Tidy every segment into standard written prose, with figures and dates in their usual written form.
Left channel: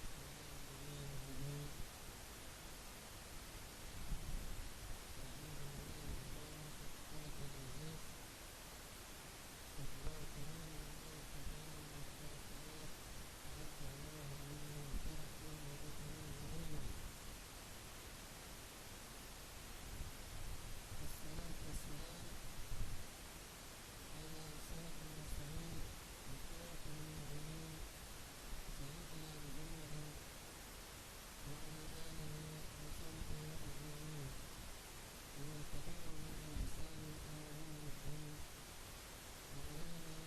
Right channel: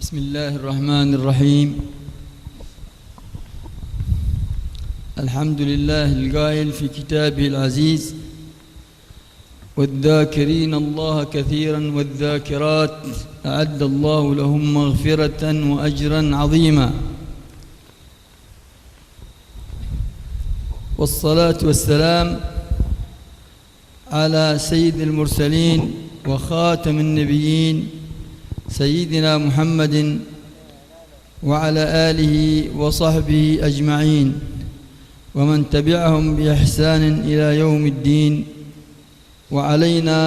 بسم الله الرحمن الرحيم. الحمد لله القائل في كتابه العزيز: والذاكرين الله كثيرا والذاكرات أعد الله لهم مغفرة وأجرا عظيما. والصلاة والسلام على سيد المرسلين وخاتم النبيين سيدنا محمد وعلى آله وصحبه أجمعين ومن تبعهم بإحسان إلى يوم الدين وعلينا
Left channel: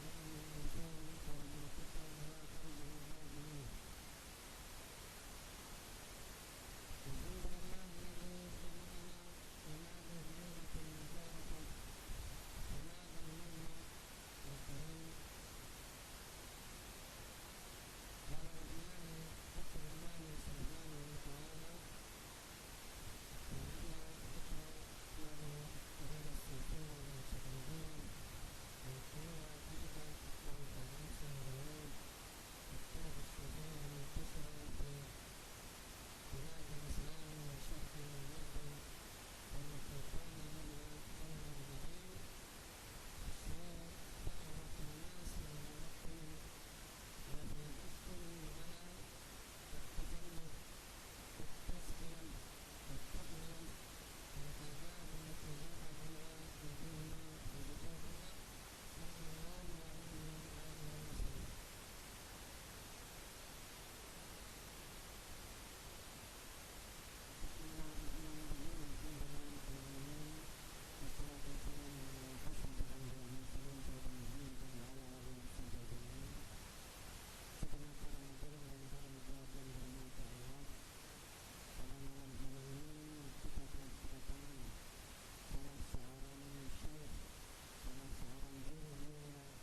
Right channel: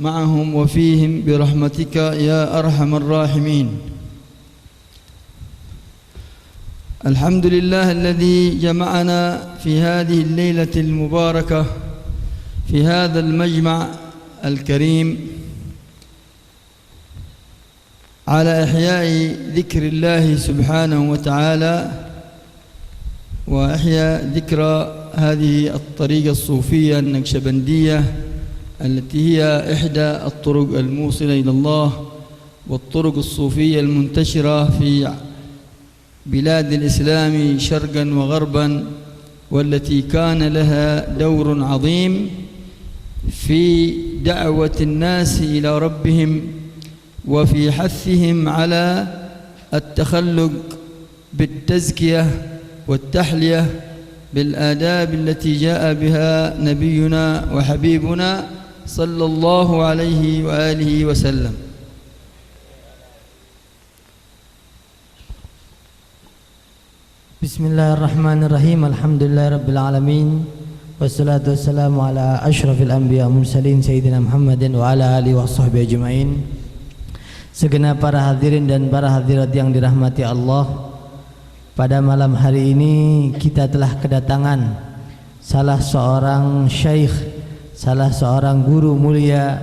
معهم وفيهم برحمتك يا أرحم الراحمين. الحمد لله الذي جمعنا في هذه الليلة المباركة في هذا المجمع الكريم على إحياء ذكر الله سبحانه وتعالى وإحياء ذكرى هذه الطريقة الصوفية النقشبندية التي هي إحدى الطرق الموصلة إلى الله والطرق الصوفية المنتشرة في بلاد الإسلام شرقا وغربا، والتي كان لها دور عظيم في دعوة الناس إلى ربهم وفي حثهم على التخلق بالتزكية والتحلية بالآداب التي جاء بها نبينا وحبيبنا صلى الله عليه وآله وسلم. Bismillahirrahmanirrahim. Alhamdulillahirabbil alamin. Wassalatu wassalamu ala asyrafil anbiya mursalin sayyidina Muhammadin wa ala alihi washabbihi ajmain. Segenap para hadirin dan para hadirat yang dirahmati Allah, pada malam hari ini kita telah kedatangan salah seorang syekh, salah seorang guru mulia,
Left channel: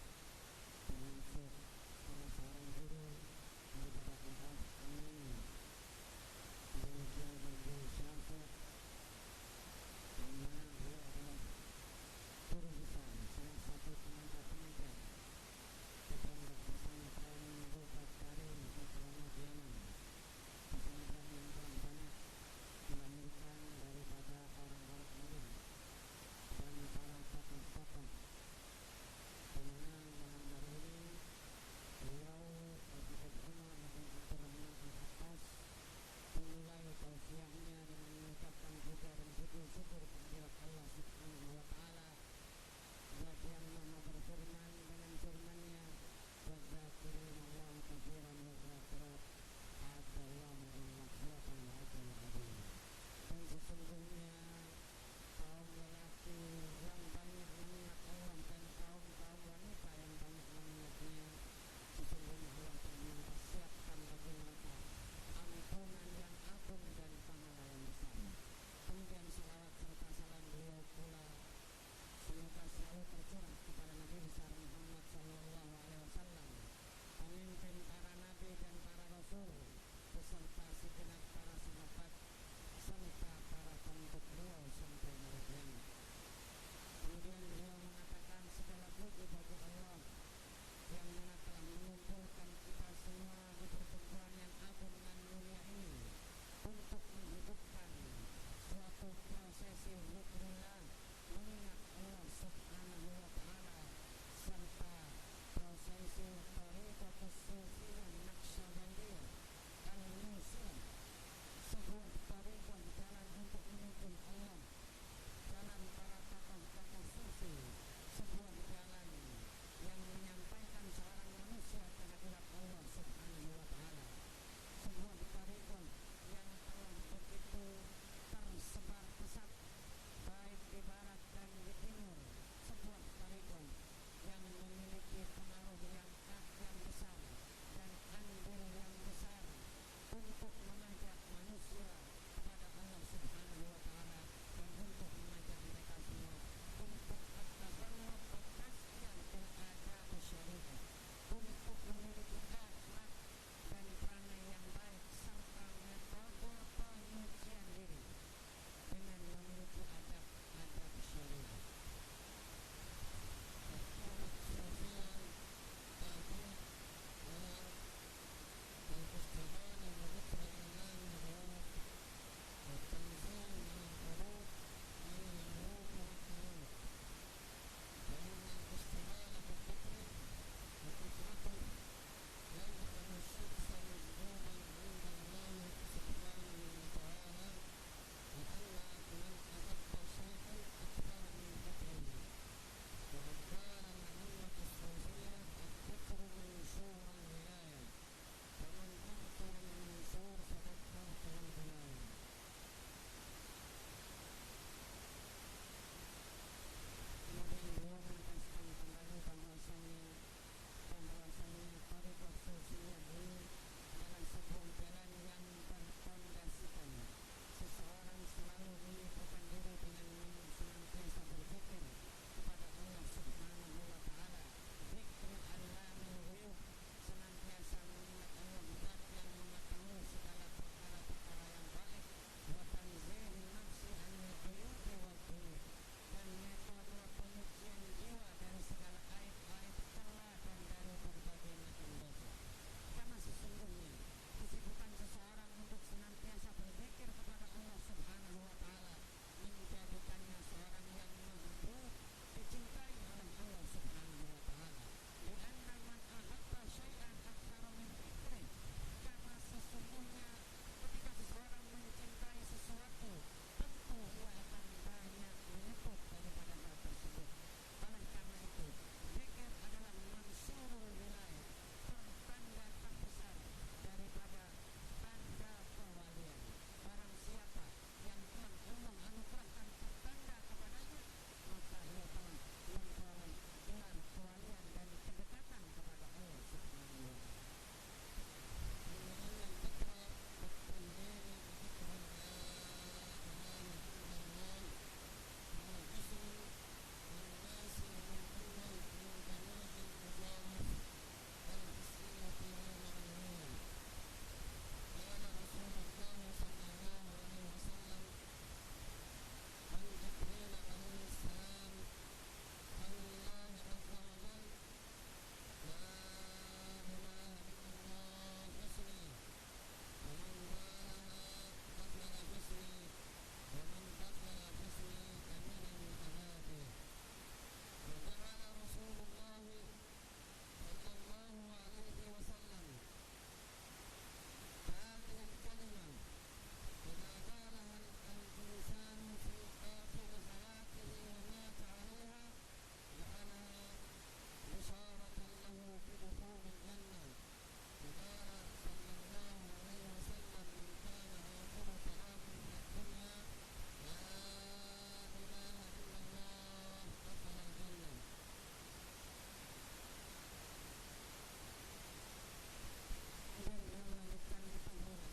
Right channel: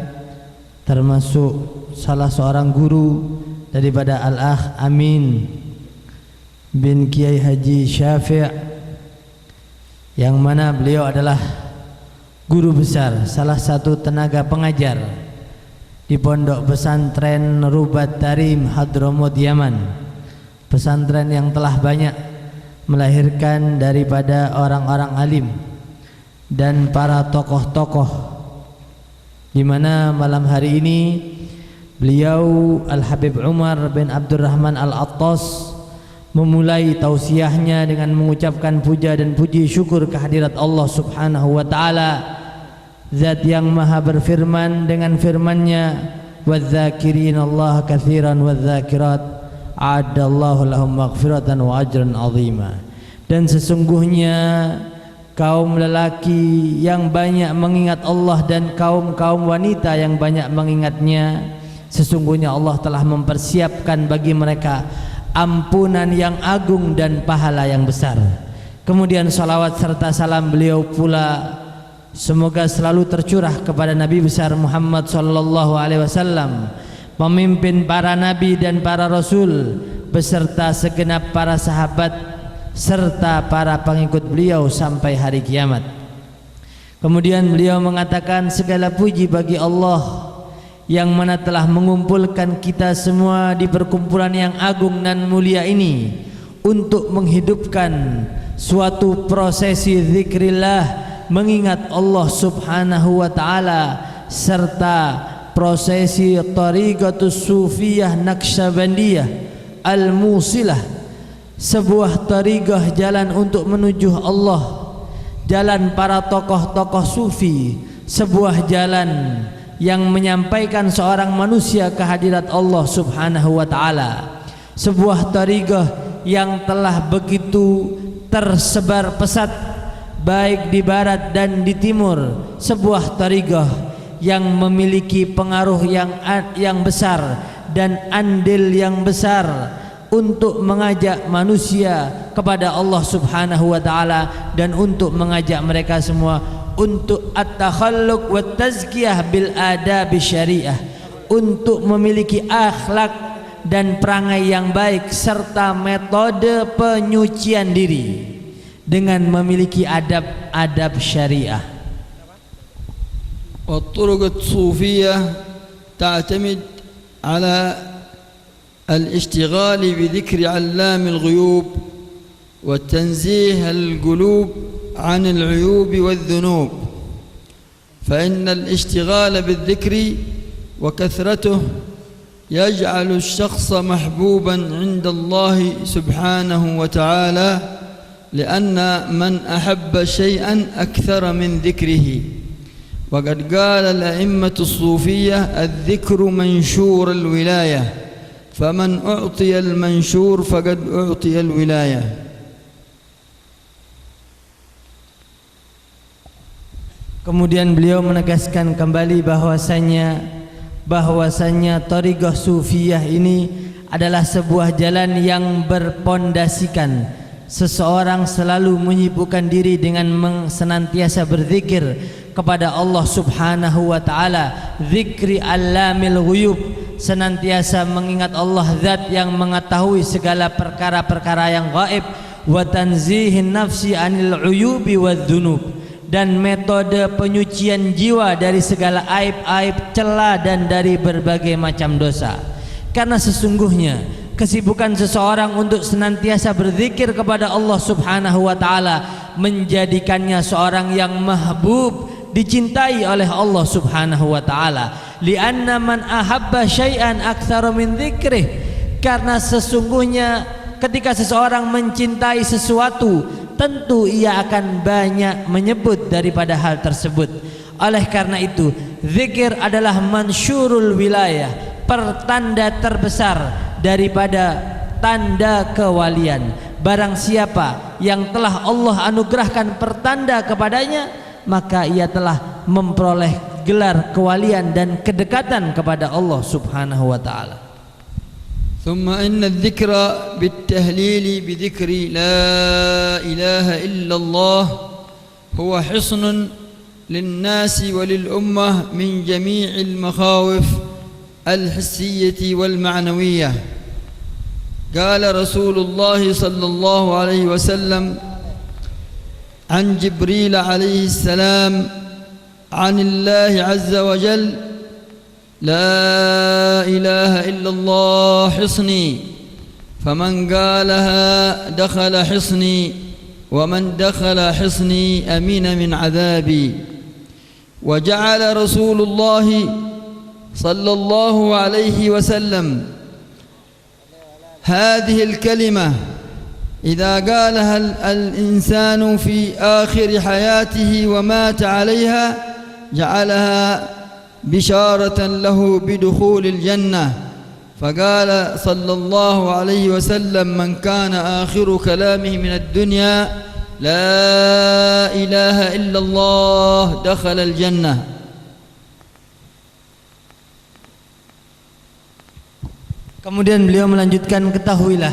termasuk salah seorang guru daripada Al-Akh Amin bin Kiai Haji Syafi', yang mana beliau adalah guru besar, salah satu tenaga pengajar di Pondok Pesantren Rubat Tarim Hadramut Yaman, pesantren yang telah banyak melahirkan daripada orang-orang alim dan para tokoh-tokoh, di mana malam hari ini beliau Al-Habib Umar bin Abdurrahman Al-Attas memulai tausiahnya dengan mengucapkan puja dan puji syukur kehadirat Allah Subhanahu wa taala, Zat yang maha berfirman dengan firman-Nya, wadzakirin Allah katsiran wadzakirat a'adallahu lahum maghfiratan wa ajran 'azima. Dan sesungguhnya kaum lelaki yang banyak mengingat Allah dan kaum-kaum wanita yang banyak mengingatnya, sesungguhnya Allah telah mempersiapkan bagi mereka ampunan yang agung dan pahala yang besar. Kemudian salawat serta salam beliau pula semoga selalu tercurah kepada Nabi besar Muhammad sallallahu alaihi wasallam, pemimpin para nabi dan para rasul, beserta segenap para sahabat serta para pengikut beliau sampai hari kiamat. Kemudian beliau mengatakan, segala puji bagi Allah yang mana telah mengumpulkan kita semua di perkumpulan yang agung dan mulia ini untuk menghidupkan suatu prosesi zikrillah, mengingat Allah Subhanahu wa taala, serta prosesi Tariqatus Sufiyah Naqsyabandiyah Al-Musilah, sebuah tariqah jalan untuk menuju Allah, jalan para tokoh-tokoh sufi, sebuah jalan yang menyampaikan seorang manusia kehadirat Allah Subhanahu wa taala, sebuah tariqah yang telah begitu tersebar pesat baik di barat dan di timur, sebuah tariqah yang memiliki pengaruh yang besar dan andil yang besar untuk mengajak manusia kepada Allah Subhanahu wa taala dan untuk mengajak mereka semua untuk at-takhalluq wa tazkiyah bil adab syariah, untuk memiliki akhlak dan perangai yang baik serta metode penyucian diri dengan memiliki adab-adab syariah. والطرق الصوفية تعتمد على الاشتغال بذكر علام الغيوب وتنزيه القلوب عن العيوب والذنوب، فإن الاشتغال بالذكر وكثرته يجعل الشخص محبوبا عند الله سبحانه وتعالى، لأن من أحب شيئا أكثر من ذكره. وقد قال الأئمة الصوفية: الذكر منشور الولاية، فمن أعطي المنشور فقد أعطي الولاية. Kemudian beliau menegaskan kembali bahwasanya thariqah sufiyah ini adalah sebuah jalan yang berpondasikan seseorang selalu menyibukkan diri dengan senantiasa berzikir kepada Allah Subhanahu wa taala, zikri allamil ghuyub, senantiasa mengingat Allah zat yang mengetahui segala perkara-perkara yang gaib, wa tanzihin nafsi anil uyubi wadzunub, dan metode penyucian jiwa dari segala aib-aib, celah dan dari berbagai macam dosa. Karena sesungguhnya kesibukan seseorang untuk senantiasa berzikir kepada Allah Subhanahu wa taala menjadikannya seorang yang mahbub, dicintai oleh Allah Subhanahu wa taala. Lianna man ahabba syai'an aktsara min dzikrih, karena sesungguhnya ketika seseorang mencintai sesuatu, tentu ia akan banyak menyebut daripada hal tersebut. Oleh karena itu, zikir adalah mansyurul wilayah, pertanda terbesar daripada tanda kewalian. Barang siapa yang telah Allah anugerahkan pertanda kepadanya, maka ia telah memperoleh gelar kewalian dan kedekatan kepada Allah Subhanahu wa taala. ثم إن الذكر بالتهليل بذكر لا إله إلا الله هو حصن للناس وللأمة من جميع المخاوف الحسية والمعنوية. قال رسول الله صلى الله عليه وسلم عن جبريل عليه السلام عن الله عز وجل: لا إله إلا الله حصني، فمن قالها دخل حصني، ومن دخل حصني أمين من عذابي. وجعل رسول الله صلى الله عليه وسلم هذه الكلمة إذا قالها الإنسان في آخر حياته ومات عليها جعلها بشارة له بدخول الجنة. فقال صلى الله عليه وسلم: من كان آخر كلامه من الدنيا لا إله إلا الله دخل الجنة. Kemudian beliau melanjutkan, ketahuilah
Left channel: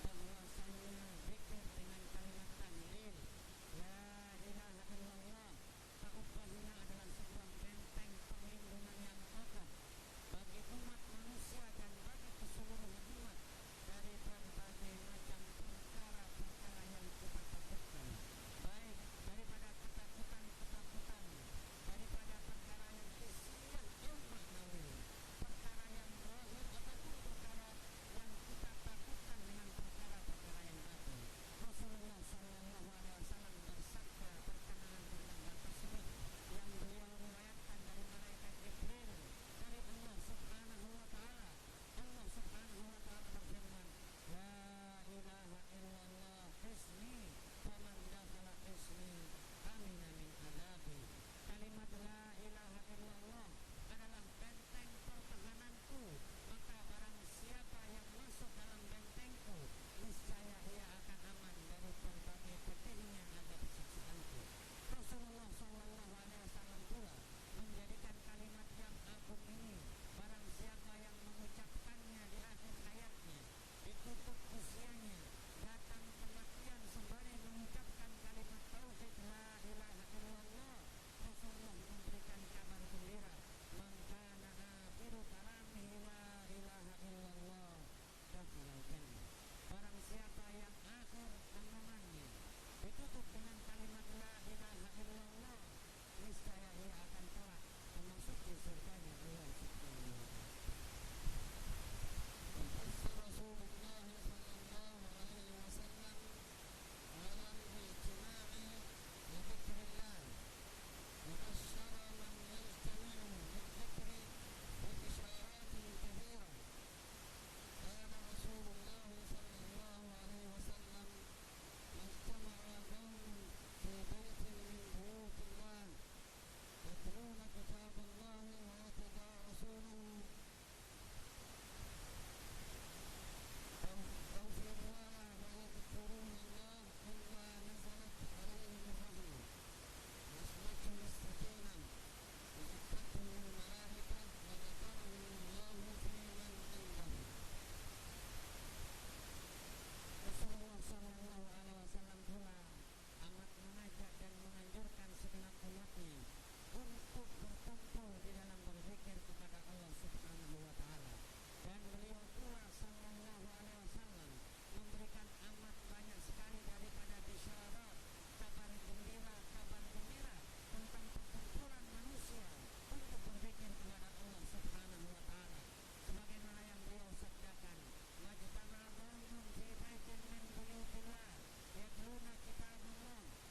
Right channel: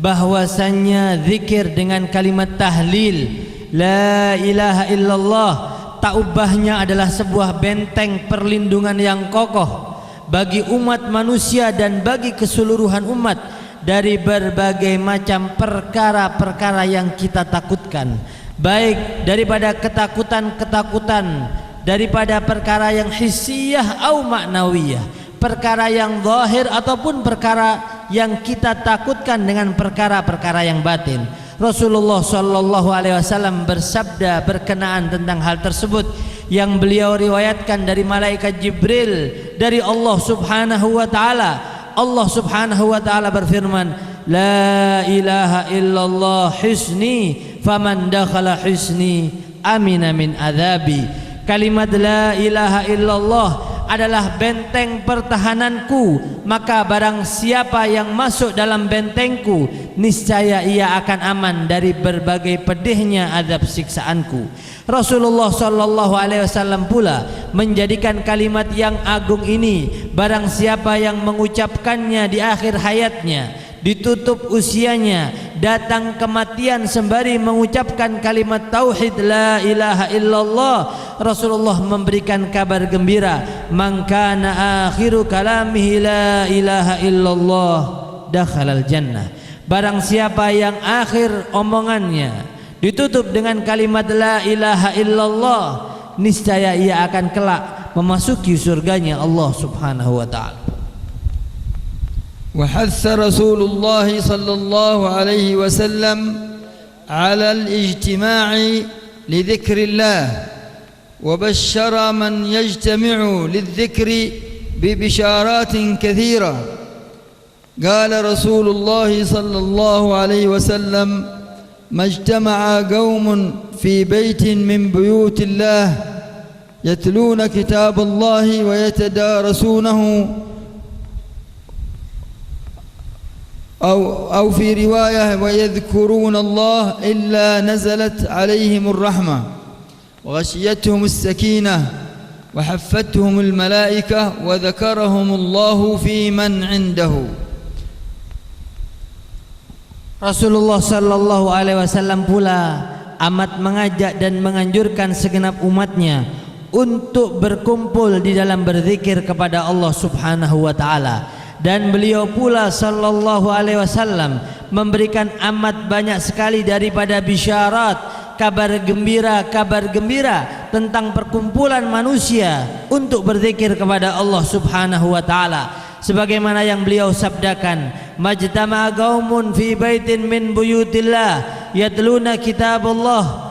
bahwasannya zikir dengan kalimat tahlil la ilaha illallah, tak ubahnya adalah sebuah benteng perlindungan yang kokoh bagi umat manusia dan bagi keseluruhan umat dari berbagai macam perkara-perkara yang kita takutkan, baik daripada ketakutan-ketakutan daripada perkara yang hissiyah atau maknawiyah, perkara yang zahir ataupun perkara yang kita takutkan dengan perkara-perkara yang batin. Rasulullah sallallahu alaihi wasallam bersabda berkenaan tentang hal tersebut yang beliau riwayatkan dari malaikat Jibril dari Allah Subhanahu wa taala. Allah Subhanahu wa taala berfirman: la ilaha illallah hisni, faman dakhala hisni amina min adzabi. Kalimat la ilaha illallah adalah benteng pertahananku, maka barang siapa yang masuk dalam bentengku, niscaya ia akan aman dari berbagai pedihnya azab siksaanku. Rasulullah sallallahu alaihi wasallam pula menjadikan kalimat yang agung ini, barang siapa yang mengucapkannya di akhir hayatnya, ditutup usianya, datang kematian sembari mengucapkan kalimat tauhid la ilaha illallah, Rasulullah memberikan kabar gembira: man kana akhiru kalamihi la ilaha illallah dakhalal jannah. Barang siapa yang akhir omongannya ditutup dengan kalimat la ilaha illallah, niscaya ia akan kelak memasuki surganya Allah Subhanahu wa taala. وحث رسول الله صلى الله عليه وسلم على الاجتماع لذكر الله وبشر من يجتمع للذكر ببشارات كثيرة. قال رسول الله صلى الله عليه وسلم: ما اجتمع قوم في بيت من بيوت الله يتلون كتاب الله ويتدارسونه أو في رواية ويذكرون الله إلا نزلت عليهم الرحمة وغشيتهم السكينة وحفتهم الملائكة وذكرهم الله في من عنده. Rasulullah sallallahu alaihi wasallam pula amat mengajak dan menganjurkan segenap umatnya untuk berkumpul di dalam berzikir kepada Allah Subhanahu wa taala, dan beliau pula sallallahu alaihi wasallam memberikan amat banyak sekali daripada bisyarat, kabar gembira tentang perkumpulan manusia untuk berzikir kepada Allah Subhanahu wa taala, sebagaimana yang beliau sabdakan, majtama'a qaumun fi baitin min buyutillah yatluna kitaballah,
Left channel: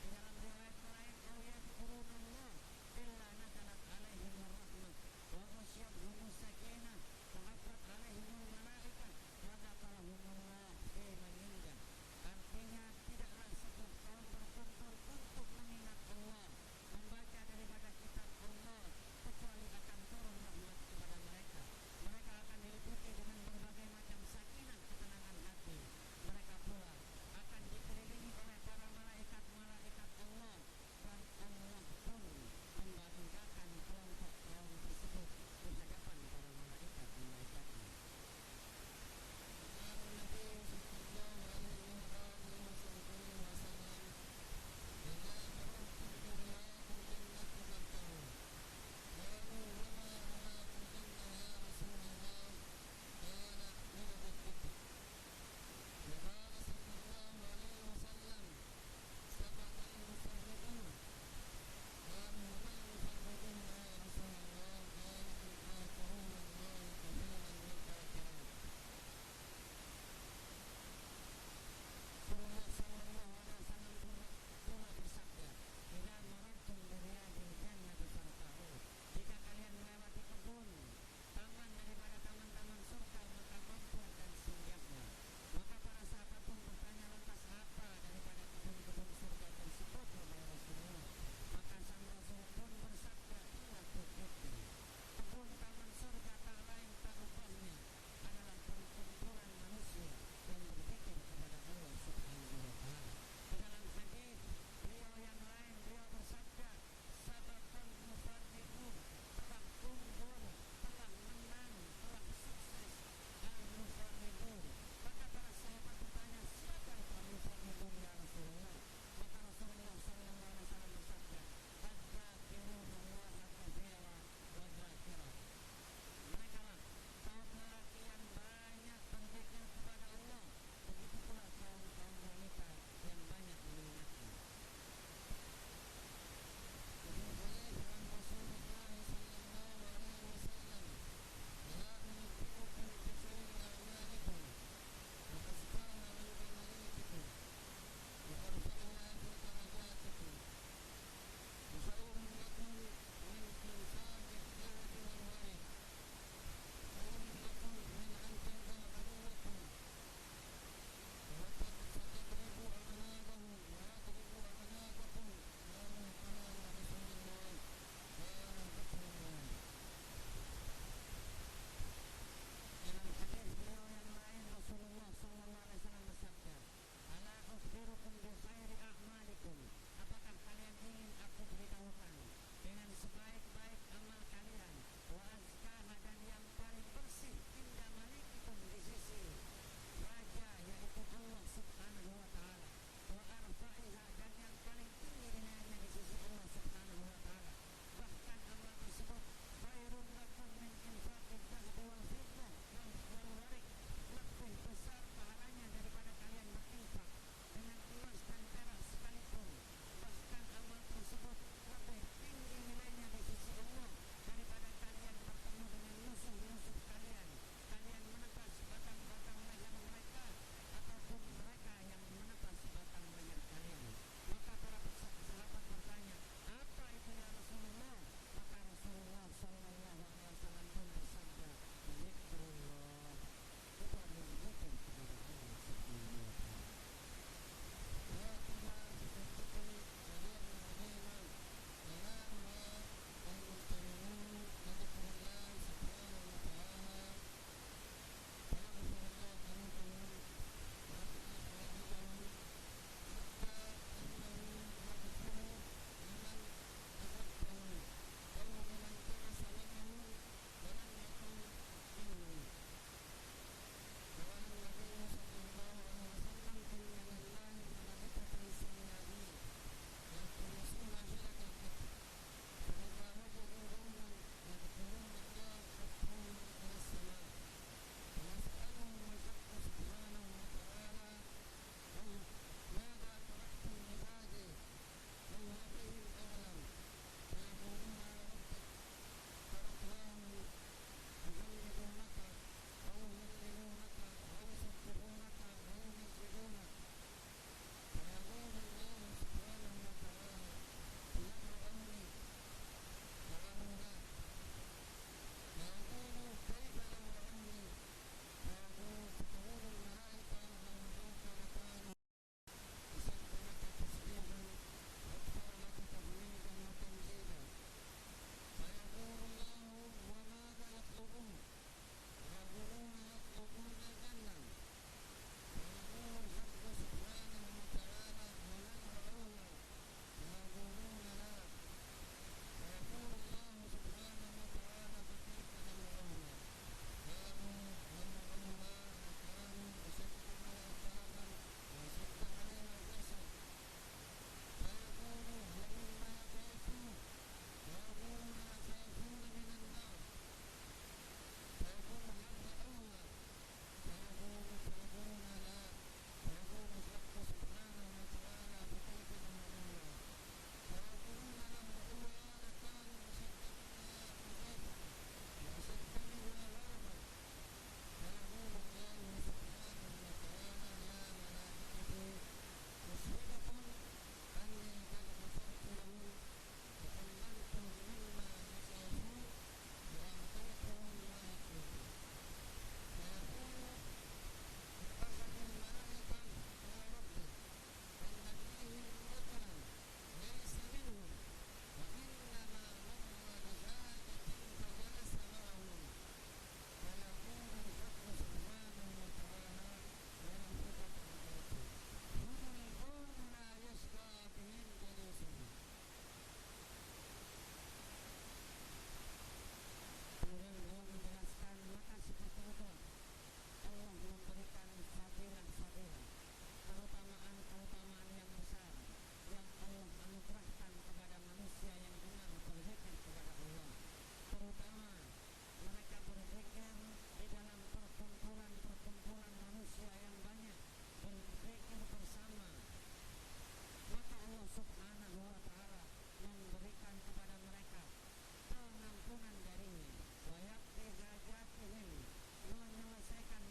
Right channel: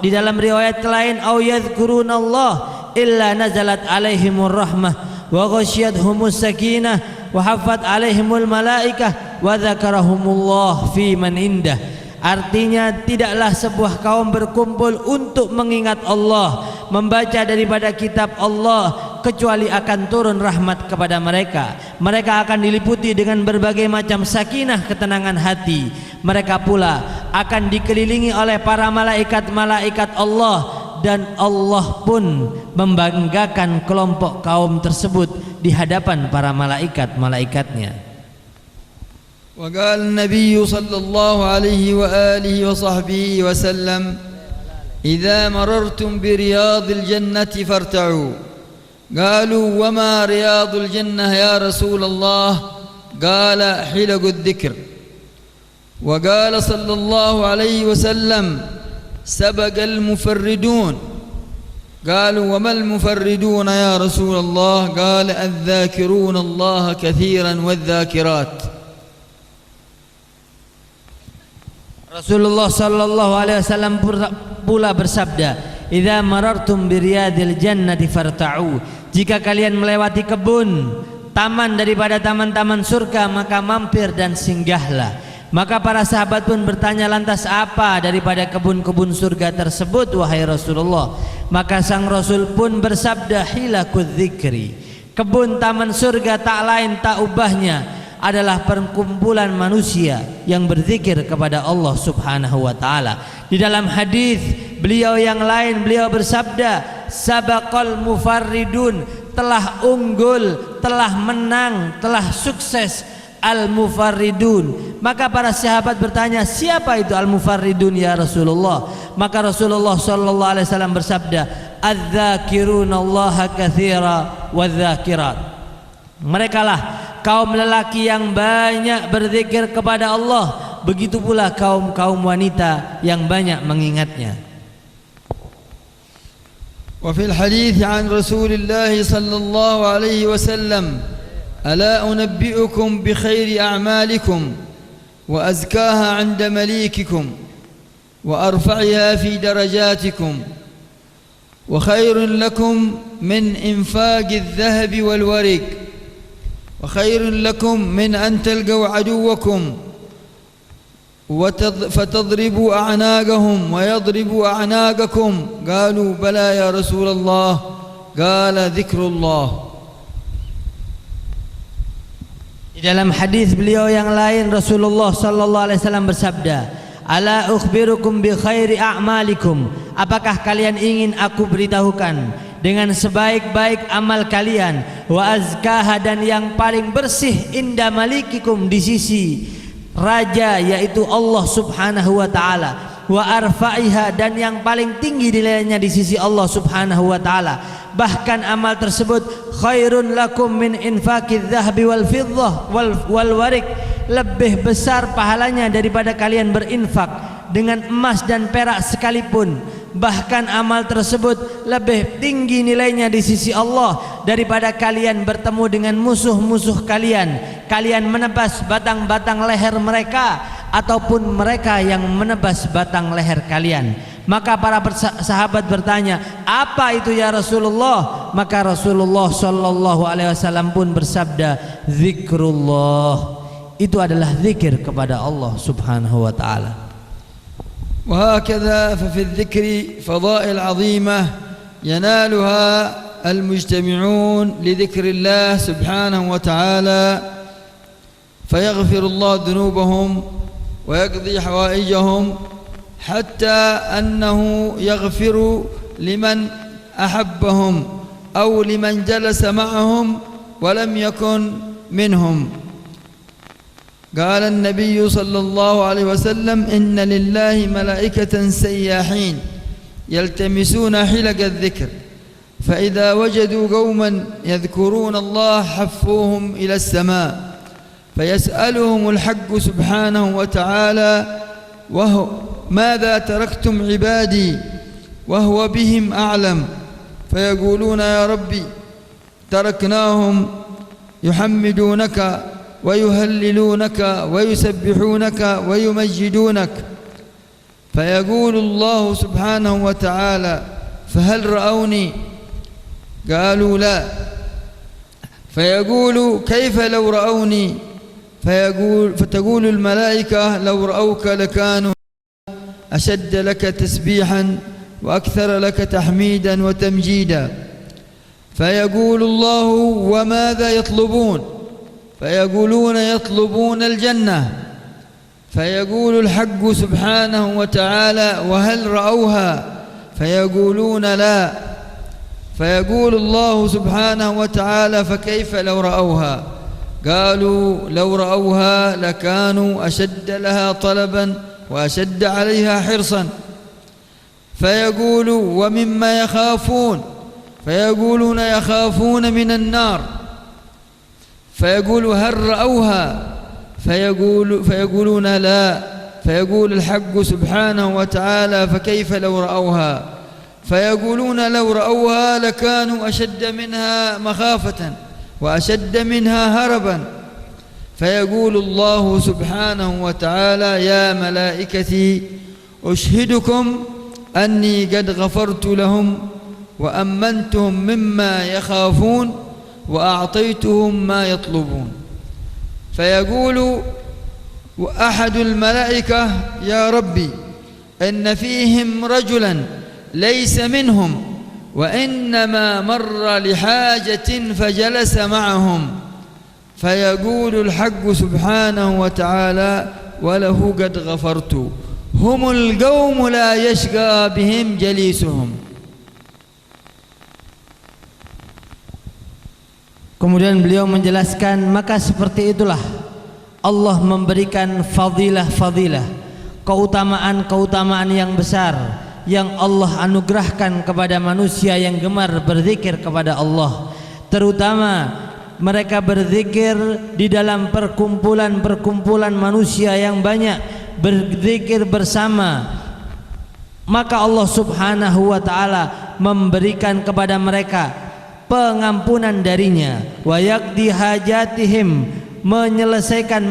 di dalam riwayat lain au yadhkurunallah illa nazalat alaihimur rahmah wa ghasyiyathumus sakinah wa haffat alaihimul malaikah wa dzakarahumullah fi man indah. Artinya, tidaklah sebuah kaum berkumpul untuk mengingat Allah, membaca daripada kitab Allah, kecuali akan turun rahmat kepada mereka. Mereka akan diliputi dengan berbagai macam sakinah, ketenangan hati. Mereka pula akan dikelilingi oleh para malaikat-malaikat Allah, dan Allah pun membanggakan kelompok kaum tersebut di hadapan para malaikat-malaikatnya. وقال النبي صلى الله عليه وآله وصحبه وسلم: إذا مررتم برياض الجنة فارتعوا. قالوا: وما رياض الجنة يا رسول الله؟ قال: حلق الذكر. وقال صلى الله عليه وسلم: سبق المفردون. قالوا: وما المفردون يا رسول الله؟ قال: الذاكرون الله كثيرا والذاكرات. Rasulullah sallallahu alaihi wasallam pula bersabda, "Idza marartum biriyadil jannati farta'u." Jika kalian melewati kebun, taman daripada taman-taman surga, maka mampir dan singgahlah. Maka para sahabat pun bertanya, lantas apa daripada kebun-kebun surga tersebut wahai Rasulullah? Maka sang Rasul pun bersabda, hilakudz dzikri. Kebun taman surga tak lain tak ubahnya adalah perkumpulan manusia yang berzikir kepada Allah Subhanahu wa taala. Di dalam hadis beliau yang lain, beliau bersabda, sabaqal mufarridun, telah unggul, telah menang, telah sukses al-mufarridun. Maka para sahabat bertanya, siapa itu al-mufarridun ya Rasulullah? Maka Rasulullah sallallahu alaihi wasallam bersabda, adz-dzakirunallaha katsira wadz-dzakirat. Merekalah kaum lelaki yang banyak berzikir kepada Allah, begitu pula kaum wanita yang banyak mengingatnya. Wa fil hadits an Rasulillah sallallahu alaihi wasallam, ala unabbi'ukum bi khairi a'malikum wa azkaha 'inda malikikum wa arfa'iha fi darajatikum wa khairun lakum min infaqi adh-dhahabi wal warik وخير لكم من أن تلقوا عدوكم فتضربوا أعناقهم ويضربوا أعناقكم. قالوا: بلى يا رسول الله. قال: ذكر الله. Di dalam hadis beliau yang lain, Rasulullah sallallahu alaihi wasallam bersabda, ala ukhbirukum bi khairi a'malikum. Apakah kalian ingin aku beritahukan dengan sebaik-baik amal kalian, wa azkaha, dan yang paling bersih, inda malikikum, di sisi raja yaitu Allah Subhanahu wa taala, wa arfa'iha, dan yang paling tinggi nilainya di sisi Allah Subhanahu wa taala. Bahkan amal tersebut khairun lakum min infaqidz dzahabi wal fiddah wal warik, lebih besar pahalanya daripada kalian berinfak dengan emas dan perak sekalipun, bahkan amal tersebut lebih tinggi nilainya di sisi Allah daripada kalian bertemu dengan musuh-musuh kalian, kalian menebas batang-batang leher mereka ataupun mereka yang menebas batang leher kalian. Maka para sahabat bertanya, apa itu ya Rasulullah? Maka Rasulullah sallallahu alaihi wasallam pun bersabda, zikrullah, itu adalah zikir kepada Allah subhanahu wa ta'ala. وهكذا ففي الذكر فضائل عظيمة ينالها المجتمعون لذكر الله سبحانه وتعالى، فيغفر الله ذنوبهم ويقضي حوائجهم، حتى أنه يغفر لمن أحبهم أو لمن جلس معهم ولم يكن منهم. قال النبي صلى الله عليه وسلم إن لله ملائكة سياحين يلتمسون حلق الذكر، فإذا وجدوا قوما يذكرون الله حفوهم إلى السماء، فيسألهم الحق سبحانه وتعالى وهو ماذا تركتم عبادي وهو بهم أعلم، فيقولون يا ربي تركناهم يحمدونك ويهللونك ويسبحونك ويمجدونك، فيقول الله سبحانه وتعالى فهل رأوني؟ قالوا لا، فيقول كيف لو رأوني؟ فتقول الملائكة لو رأوك لكانوا أشد لك تسبيحا وأكثر لك تحميدا وتمجيدا، فيقول الله وماذا يطلبون؟ فيقولون يطلبون الجنة، فيقول الحق سبحانه وتعالى وهل رأوها؟ فيقولون لا، فيقول الله سبحانه وتعالى فكيف لو رأوها؟ قالوا لو رأوها لكانوا أشد لها طلبا وأشد عليها حرصا، فيقول ومما يخافون؟ فيقولون يخافون من النار، فيقول هل رأوها؟ فيقولون لا، فيقول الحق سبحانه وتعالى فكيف لو رأوها؟ فيقولون لو رأوها لكانوا أشد منها مخافة وأشد منها هربا، فيقول الله سبحانه وتعالى يا ملائكتي أشهدكم أني قد غفرت لهم وأمنتهم مما يخافون وأعطيتهم ما يطلبون. فيقول أحد الملائكة يا ربي إن فيهم رجلا ليس منهم وإنما مر لحاجة فجلس معهم، فيقول الحق سبحانه وتعالى وله قد غفرت، هم القوم لا يشقى بهم جليسهم. Kemudian beliau menjelaskan, maka seperti itulah Allah memberikan fadilah-fadilah, keutamaan-keutamaan yang besar yang Allah anugerahkan kepada manusia yang gemar berzikir kepada Allah, terutama mereka berzikir di dalam perkumpulan-perkumpulan manusia yang banyak, berzikir bersama, maka Allah subhanahu wa ta'ala memberikan kepada mereka pengampunan darinya, wa yaqdi hajatihim, menyelesaikan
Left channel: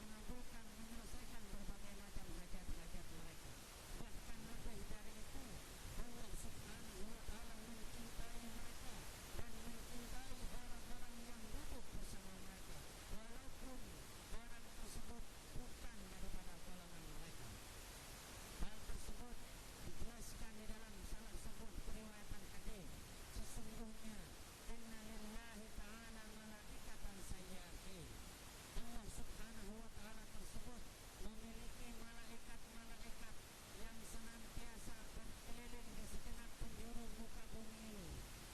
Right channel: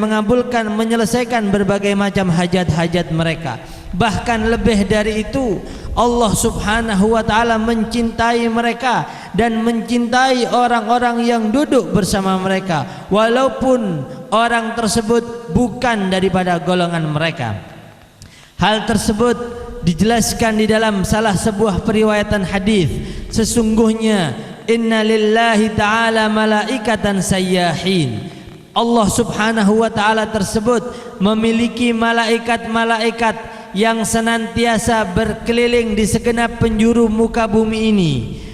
berbagai macam hajat-hajat mereka. Bahkan lebih dari itu, Allah subhanahu wa ta'ala mencintai mereka dan mencintai orang-orang yang duduk bersama mereka, walaupun orang tersebut bukan daripada golongan mereka. Hal tersebut dijelaskan di dalam salah sebuah periwayatan hadis. Sesungguhnya inna lillahi ta'ala malaikatan sayyahin, Allah subhanahu wa ta'ala tersebut memiliki malaikat-malaikat yang senantiasa berkeliling di segenap penjuru muka bumi ini.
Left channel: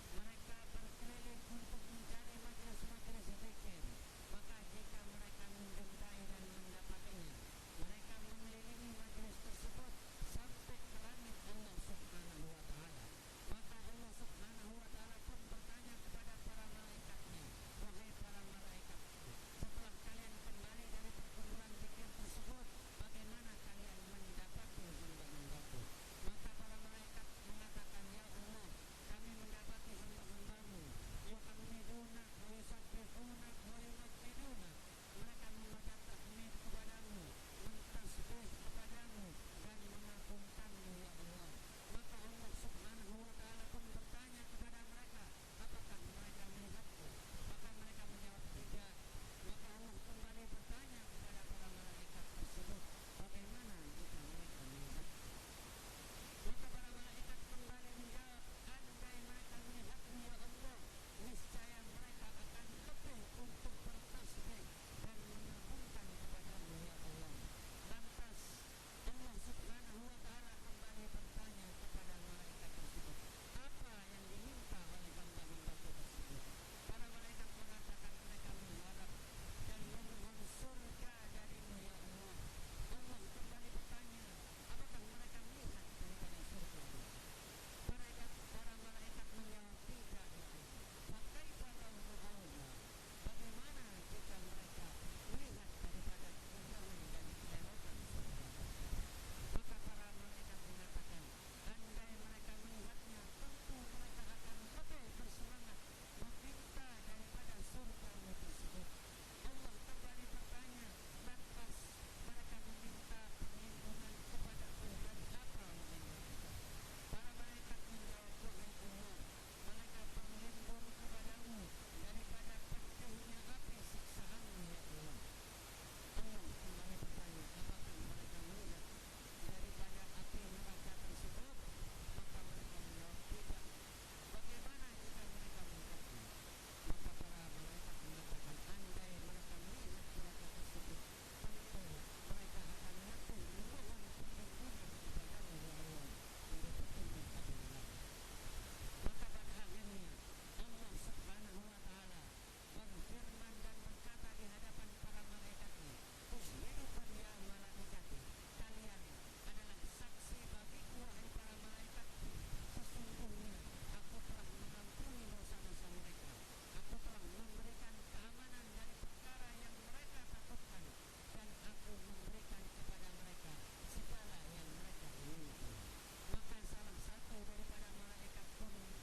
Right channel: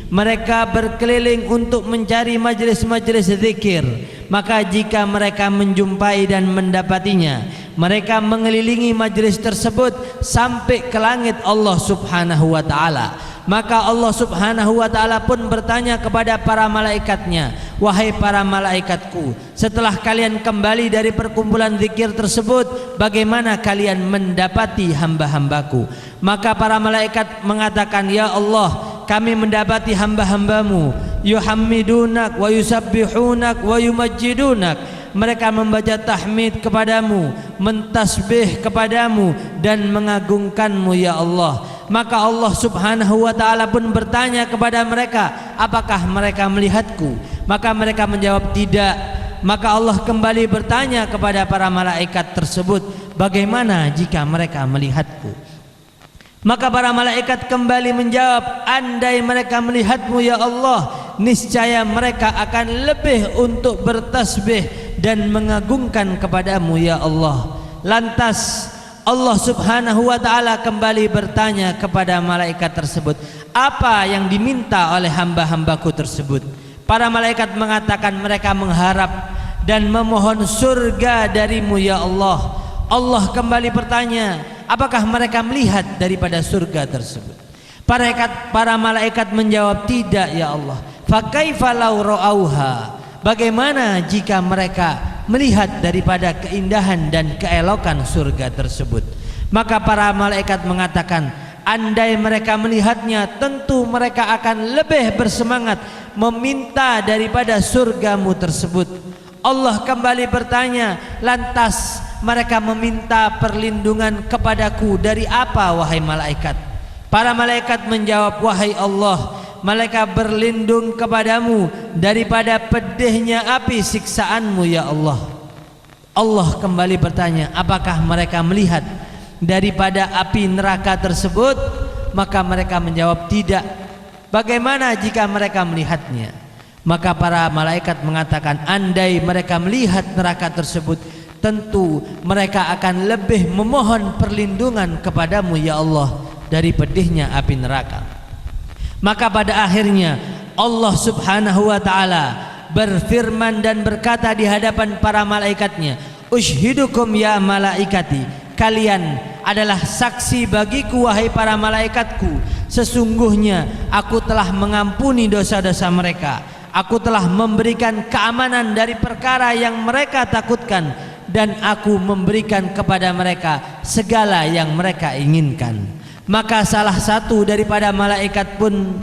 Mereka berkeliling untuk mencari majlis-majlis zikir. Maka jika mereka menjumpai dan mendapatinya, mereka mengelilingi majlis tersebut sampai ke langit Allah subhanahu wa ta'ala. Maka Allah subhanahu wa ta'ala pun bertanya kepada para malaikatnya, wahai para malaikatku, setelah kalian kembali dari perkumpulan zikir tersebut, bagaimana kalian mendapati hamba-hambaku? Maka para malaikat mengatakan, ya Allah, kami mendapati hamba-hambamu yuhammidunak wa yusabbihunak wa yumajjidunak. Mereka membaca tahmid kepadamu, mentasbih kepadamu, dan mengagungkanmu ya Allah. Maka Allah subhanahu wa ta'ala pun bertanya kepada mereka, apakah mereka melihatku? Maka mereka menjawab tidak. Maka Allah kembali bertanya kepada para malaikat tersebut, bagaimana jika mereka melihatku? Maka para malaikat kembali menjawab, andai mereka melihatmu ya Allah, niscaya mereka akan lebih untuk bertasbih dan mengagungkan kepadamu ya Allah. Lantas Allah subhanahu wa ta'ala kembali bertanya kepada malaikat tersebut, apa yang diminta oleh hamba-hambaku tersebut? Para malaikat mengatakan mereka mengharap dan memohon surga darimu ya Allah. Allah kembali bertanya, apakah mereka melihat daripada surga tersebut? Para malaikat menjawab, tidak ya Allah. Fakaifa law ra'auha? Bagaimana jika mereka melihat daripada keindahan dan keelokan surga tersebut? Maka para malaikat mengatakan, andai mereka melihatnya, tentu mereka akan lebih bersemangat meminta daripada surgamu tersebut. Allah kembali bertanya, lantas mereka meminta perlindungan kepadaku dari apa wahai malaikat? Para malaikat menjawab, wahai Allah, mereka berlindung kepadamu daripada pedihnya api siksaanmu ya Allah. Allah kembali bertanya, apakah mereka melihat daripada api neraka tersebut? Maka mereka menjawab tidak. Bagaimana jika mereka melihatnya? Maka para malaikat mengatakan, andai mereka melihat neraka tersebut, tentu mereka akan lebih memohon perlindungan kepadamu ya Allah dari pedihnya api neraka. Maka pada akhirnya Allah subhanahu wa ta'ala berfirman dan berkata di hadapan para malaikatnya, ushidukum ya malaikati, kalian adalah saksi bagiku wahai para malaikatku, sesungguhnya aku telah mengampuni dosa-dosa mereka, aku telah memberikan keamanan dari perkara yang mereka takutkan, dan aku memberikan kepada mereka segala yang mereka inginkan. Maka salah satu daripada malaikat pun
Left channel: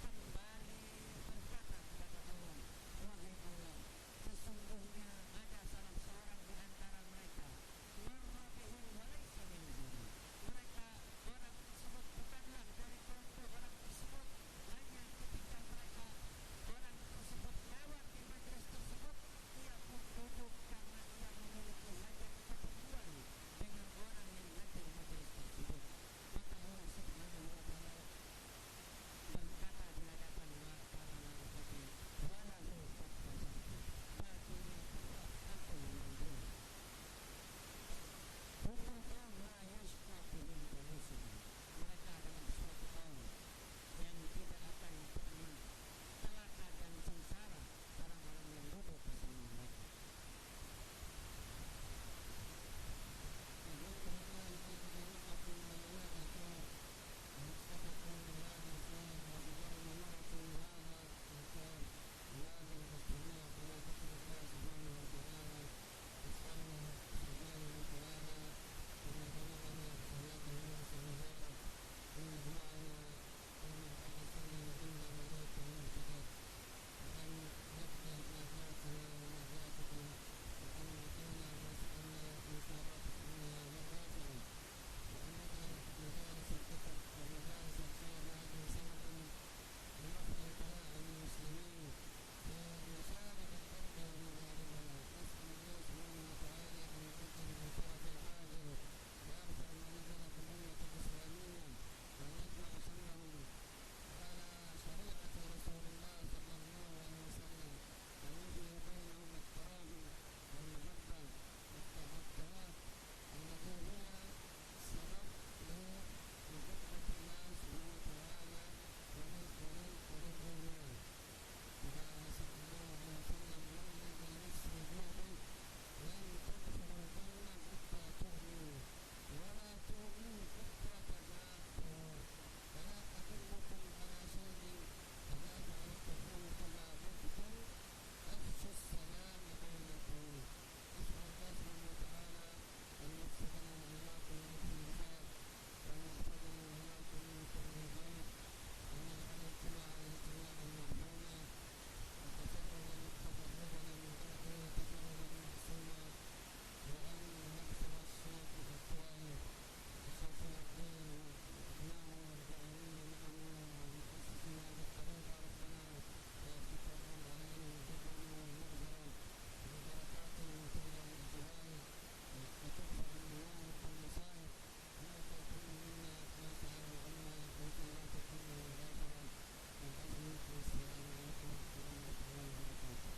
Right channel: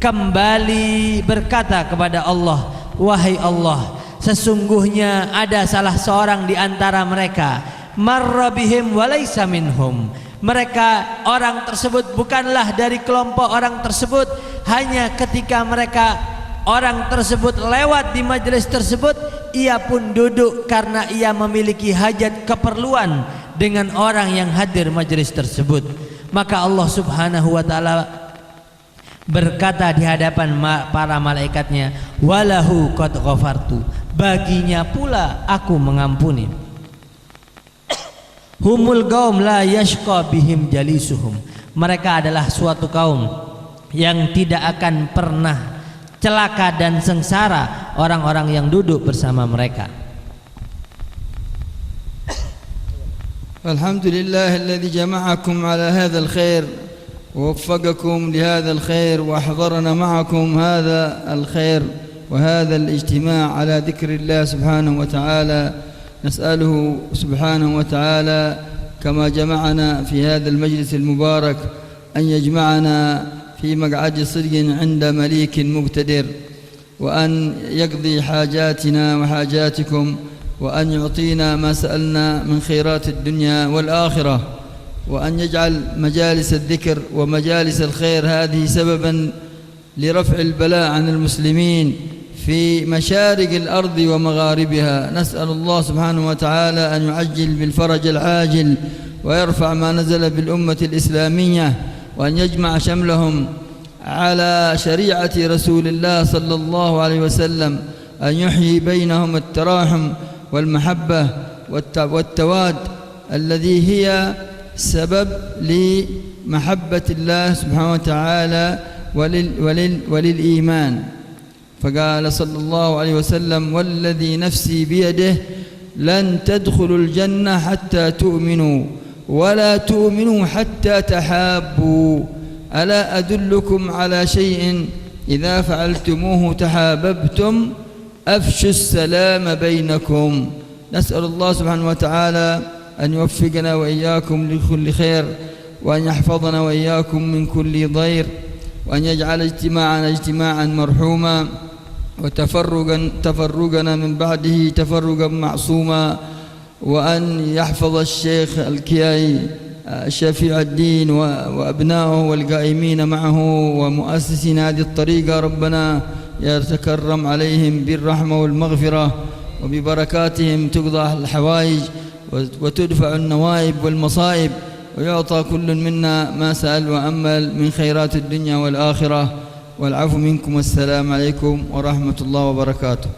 kembali berkata kepada Allah, wahai Allah, sesungguhnya ada salah seorang di antara mereka, marra bihim walaysa minhum. Mereka, orang tersebut bukanlah dari kelompok orang tersebut. Hanya ketika mereka, orang tersebut lewat di majelis tersebut, ia pun duduk karena ia memiliki hajat keperluan dengan orang yang hadir majelis tersebut. Maka Allah subhanahu wa ta'ala berkata di hadapan para malaikatnya, walahu qad ghafartu, baginya pula aku mengampuni. Humul qaum la yashqa bihim jalisuhum, mereka adalah suatu kaum yang tidak akan pernah celaka dan sengsara orang-orang yang duduk bersama mereka. الحمد لله الذي جمعكم على هذا الخير ووفقكم لهذا الخير وأحضرنا معكم هذا الخير وهذا الاجتماع على ذكر الله سبحانه وتعالى. نسأله سبحانه وتعالى كما جمعنا في هذا المجلس المبارك أن يجمعنا في مقعد صدق عند مليك مقتدر، وأن يقضي حاجاتنا وحاجاتكم، وأن يعطينا ما سألنا من خيرات الدنيا والآخرة، وأن يجعل مجالس الذكر ومجالس الخير هذه سببا لرفع البلاء عن المسلمين في مشارق الأرض ومغاربها. نسأل الله سبحانه وتعالى أن يعجل بالفرج العاجل ويرفع ما نزل بالأمة الإسلامية، وأن يجمع شملهم على شريعة رسول الله صلى الله عليه وسلم، أن يحيي بينهم التراحم والمحبة والتواد الذي هي سبب لمحبة الله سبحانه وتعالى وللإيمان. فقال صلى الله عليه وسلم والذي نفسي بيده لن تدخلوا الجنة حتى تؤمنوا ولا تؤمنوا حتى تحابوا. ألا أدلكم على شيء إذا فعلتموه تحاببتم أفشوا السلام بينكم. نسأل الله سبحانه وتعالى أن يوفقنا وإياكم لكل خير، وأن يحفظنا وإياكم من كل ضير، وأن يجعل اجتماعنا اجتماعا مرحوما، وتفرقنا من بعده تفرقا معصوما، وأن يحفظ الشيخ الكياي شفيع الدين وأبنائه والقائمين معه ومؤسسين هذه الطريقة. ربنا يتكرم عليهم بالرحمة والمغفرة، وببركاتهم تقضى الحوائج وتدفع النوائب والمصائب، ويعطى كل منا ما سأل وأمل من خيرات الدنيا والآخرة. والعفو منكم، والسلام عليكم ورحمة الله وبركاته.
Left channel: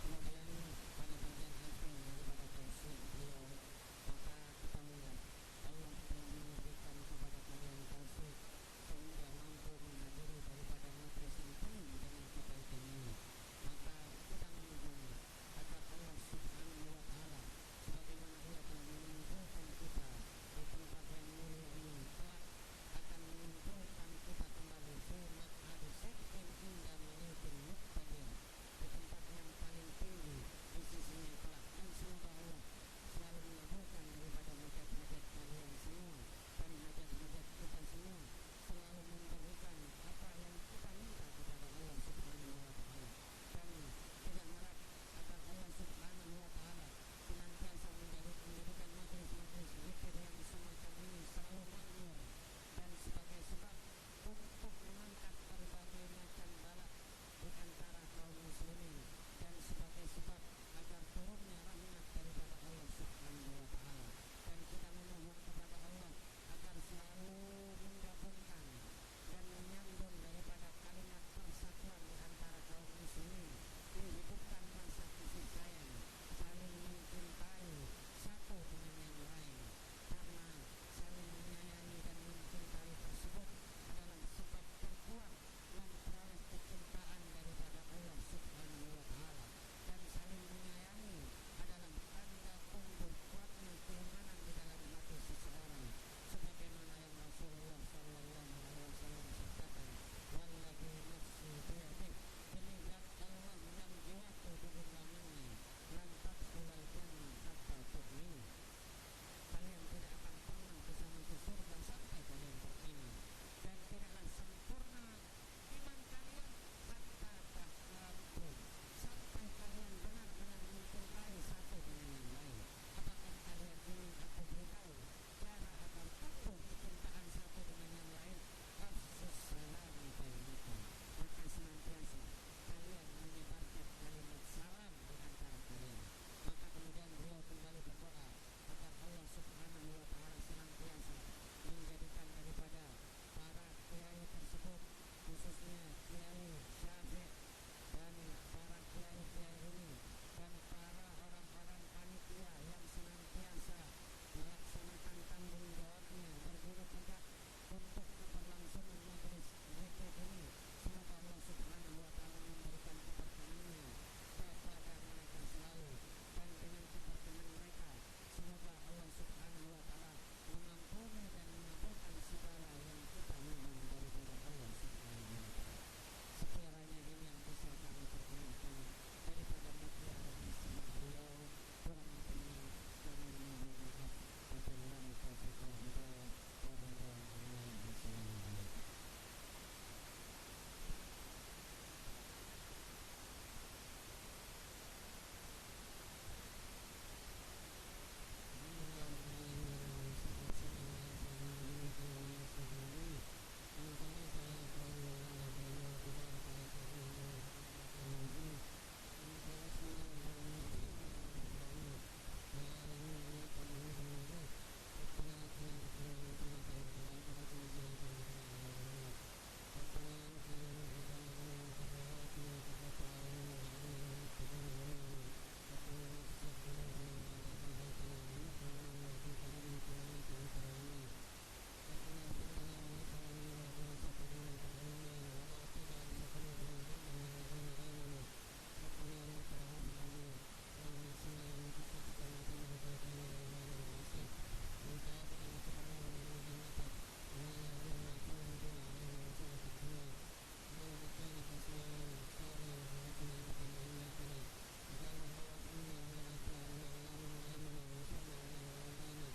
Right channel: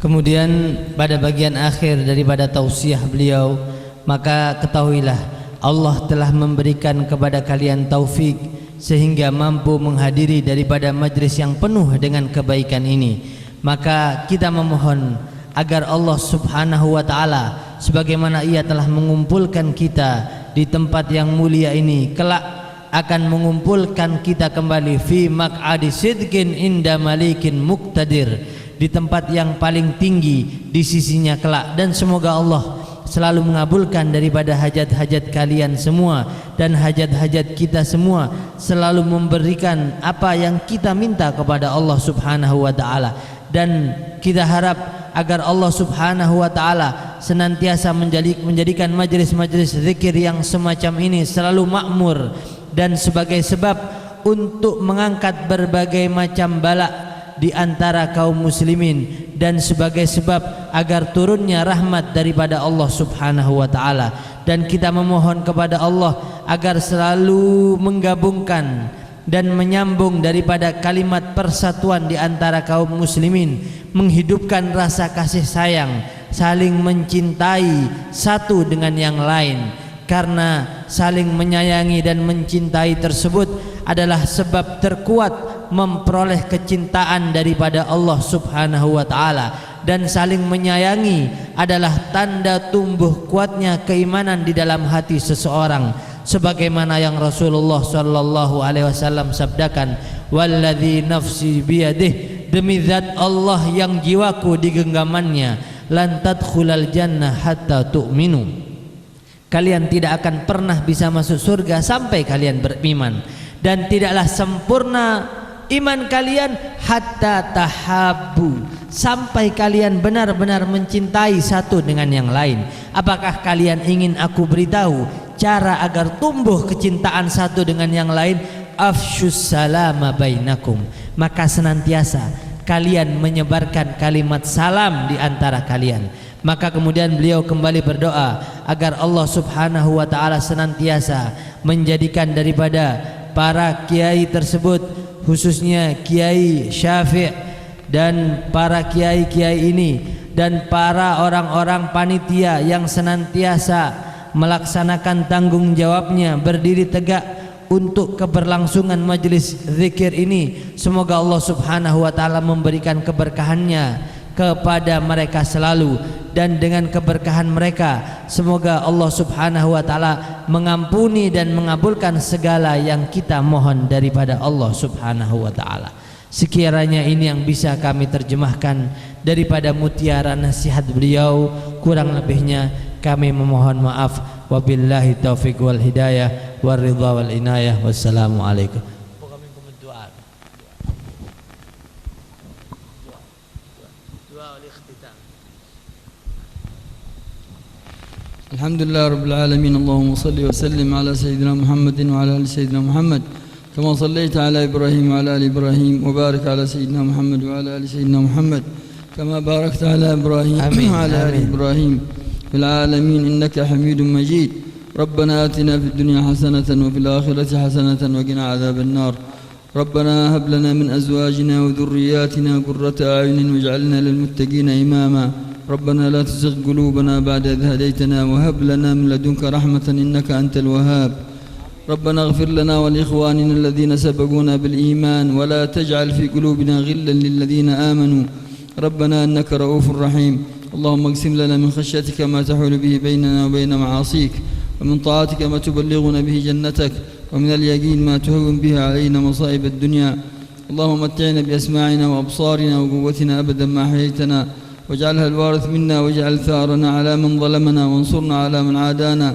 Kemudian pada bagian akhir daripada tausiah beliau, maka ketahuilah Allah telah memberikan kepada kalian taufik sehingga mampu menghadiri daripada majlis yang penuh dengan kebaikan ini. Maka kita memohon agar Allah Subhanahu wa taala sebagaimana Ia telah mengumpulkan kita di tempat yang mulia ini, kelak akan mengumpulkan kita kembali fi maq'adi sidqin inda malikin muqtadir, di tempat yang paling tinggi di sisinya kelak. Dan semoga Allah selalu mengabulkan daripada hajat-hajat kalian semua dan hajat-hajat kita semua, selalu memberikan apa yang kita minta kepada Allah Subhanahu wa taala. Dan kita harap agar Allah Subhanahu wa taala senantiasa menjadikan majlis-majlis zikir yang semacam ini selalu makmur dan sebagai sebab untuk mengangkat berbagai macam bala di antara kaum muslimin, dan sebagai sebab agar turunnya rahmat daripada Allah Subhanahu wa taala. Dan kita memohon kepada Allah agar selalu menggabungkan dan menyambung daripada kalimat persatuan di antara kaum muslimin, menghidupkan rasa kasih sayang, saling mencintai satu dengan yang lain, karena saling menyayangi dan mencintai tersebut adalah sebab terkuat memperoleh kecintaan daripada Allah Subhanahu wa taala. Dan saling menyayangi adalah tanda tumbuh kuatnya keimanan di dalam hati seseorang, sebagaimana yang Rasulullah sallallahu alaihi wasallam sabdakan, walladzi nafsi biyadih, demi zat Allah yang jiwaku di genggamannya, lan tadkhulal jannah hatta tu'minu, kalian tidak akan pernah bisa masuk surga sampai kalian beriman, dan tidaklah sempurna iman kalian hatta tahabbu, sampai kalian benar-benar mencintai satu dengan yang lain. Apakah kalian ingin aku beritahu cara agar tumbuh kecintaan satu dengan yang lain? Afshus salama bainakum, maka senantiasa kalian menyebarkan kalimat salam di antara kalian. Maka kemudian beliau kembali berdoa agar Allah Subhanahu wa taala senantiasa menjadikan daripada para kiai tersebut, khususnya Kiai Syafi' dan para kiai-kiai ini dan para orang-orang panitia yang senantiasa melaksanakan tanggung jawabnya, berdiri tegak untuk keberlangsungan majlis zikir ini. Semoga Allah Subhanahu wa taala memberikan keberkahannya kepada mereka selalu, dan dengan keberkahan mereka semoga Allah Subhanahu wa taala mengampuni dan mengabulkan segala yang kita mohon daripada Allah Subhanahu wa taala. Sekiranya ini yang bisa kami terjemahkan daripada mutiara nasihat beliau, kurang lebihnya kami memohon maaf. Wabillahi taufiq wal hidayah wal ridha wal inayah. Wassalamu alaikum. الحمد لله رب العالمين. اللهم صل وسلم على سيدنا محمد وعلى ال سيدنا محمد كما صليت على ابراهيم وعلى ال ابراهيم، وبارك على سيدنا محمد وعلى ال سيدنا محمد كما باركت على ابراهيم وعلى ال ابراهيم في العالمين انك حميد مجيد. ربنا آتنا في الدنيا حسنة وفي الآخرة حسنة وقنا عذاب النار. ربنا هب لنا من أزواجنا وذرياتنا قرة أعين واجعلنا للمتقين إماما. ربنا لا تزغ قلوبنا بعد إذ هديتنا وهب لنا من لدنك رحمة إنك أنت الوهاب. ربنا اغفر لنا ولإخواننا الذين سبقونا بالإيمان ولا تجعل في قلوبنا غلا للذين آمنوا ربنا إنك رؤوف رحيم. اللهم اقسم لنا من خشيتك ما تحول به بيننا وبين معاصيك، ومن طاعتك ما تبلغنا به جنتك، ومن اليقين ما تهون به علينا مصائب الدنيا. اللهم متعنا بأسماعنا وأبصارنا وقوتنا أبدا ما أحييتنا، واجعلها الوارث منا، واجعل ثارنا على من ظلمنا، وانصرنا على من عادانا،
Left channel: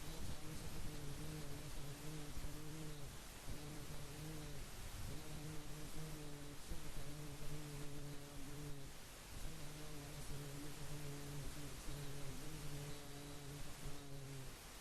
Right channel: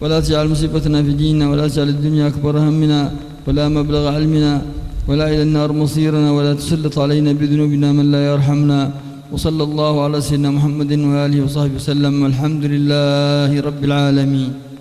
ولا تجعل مصيبتنا في ديننا، ولا تجعل الدنيا أكبر همنا ولا مبلغ علمنا ولا إلى النار مصيرنا، ولا تسلط علينا بذنوبنا من لا يرحمنا. وصلى الله على سيدنا محمد وآله وصحبه وسلم، والحمد لله رب العالمين.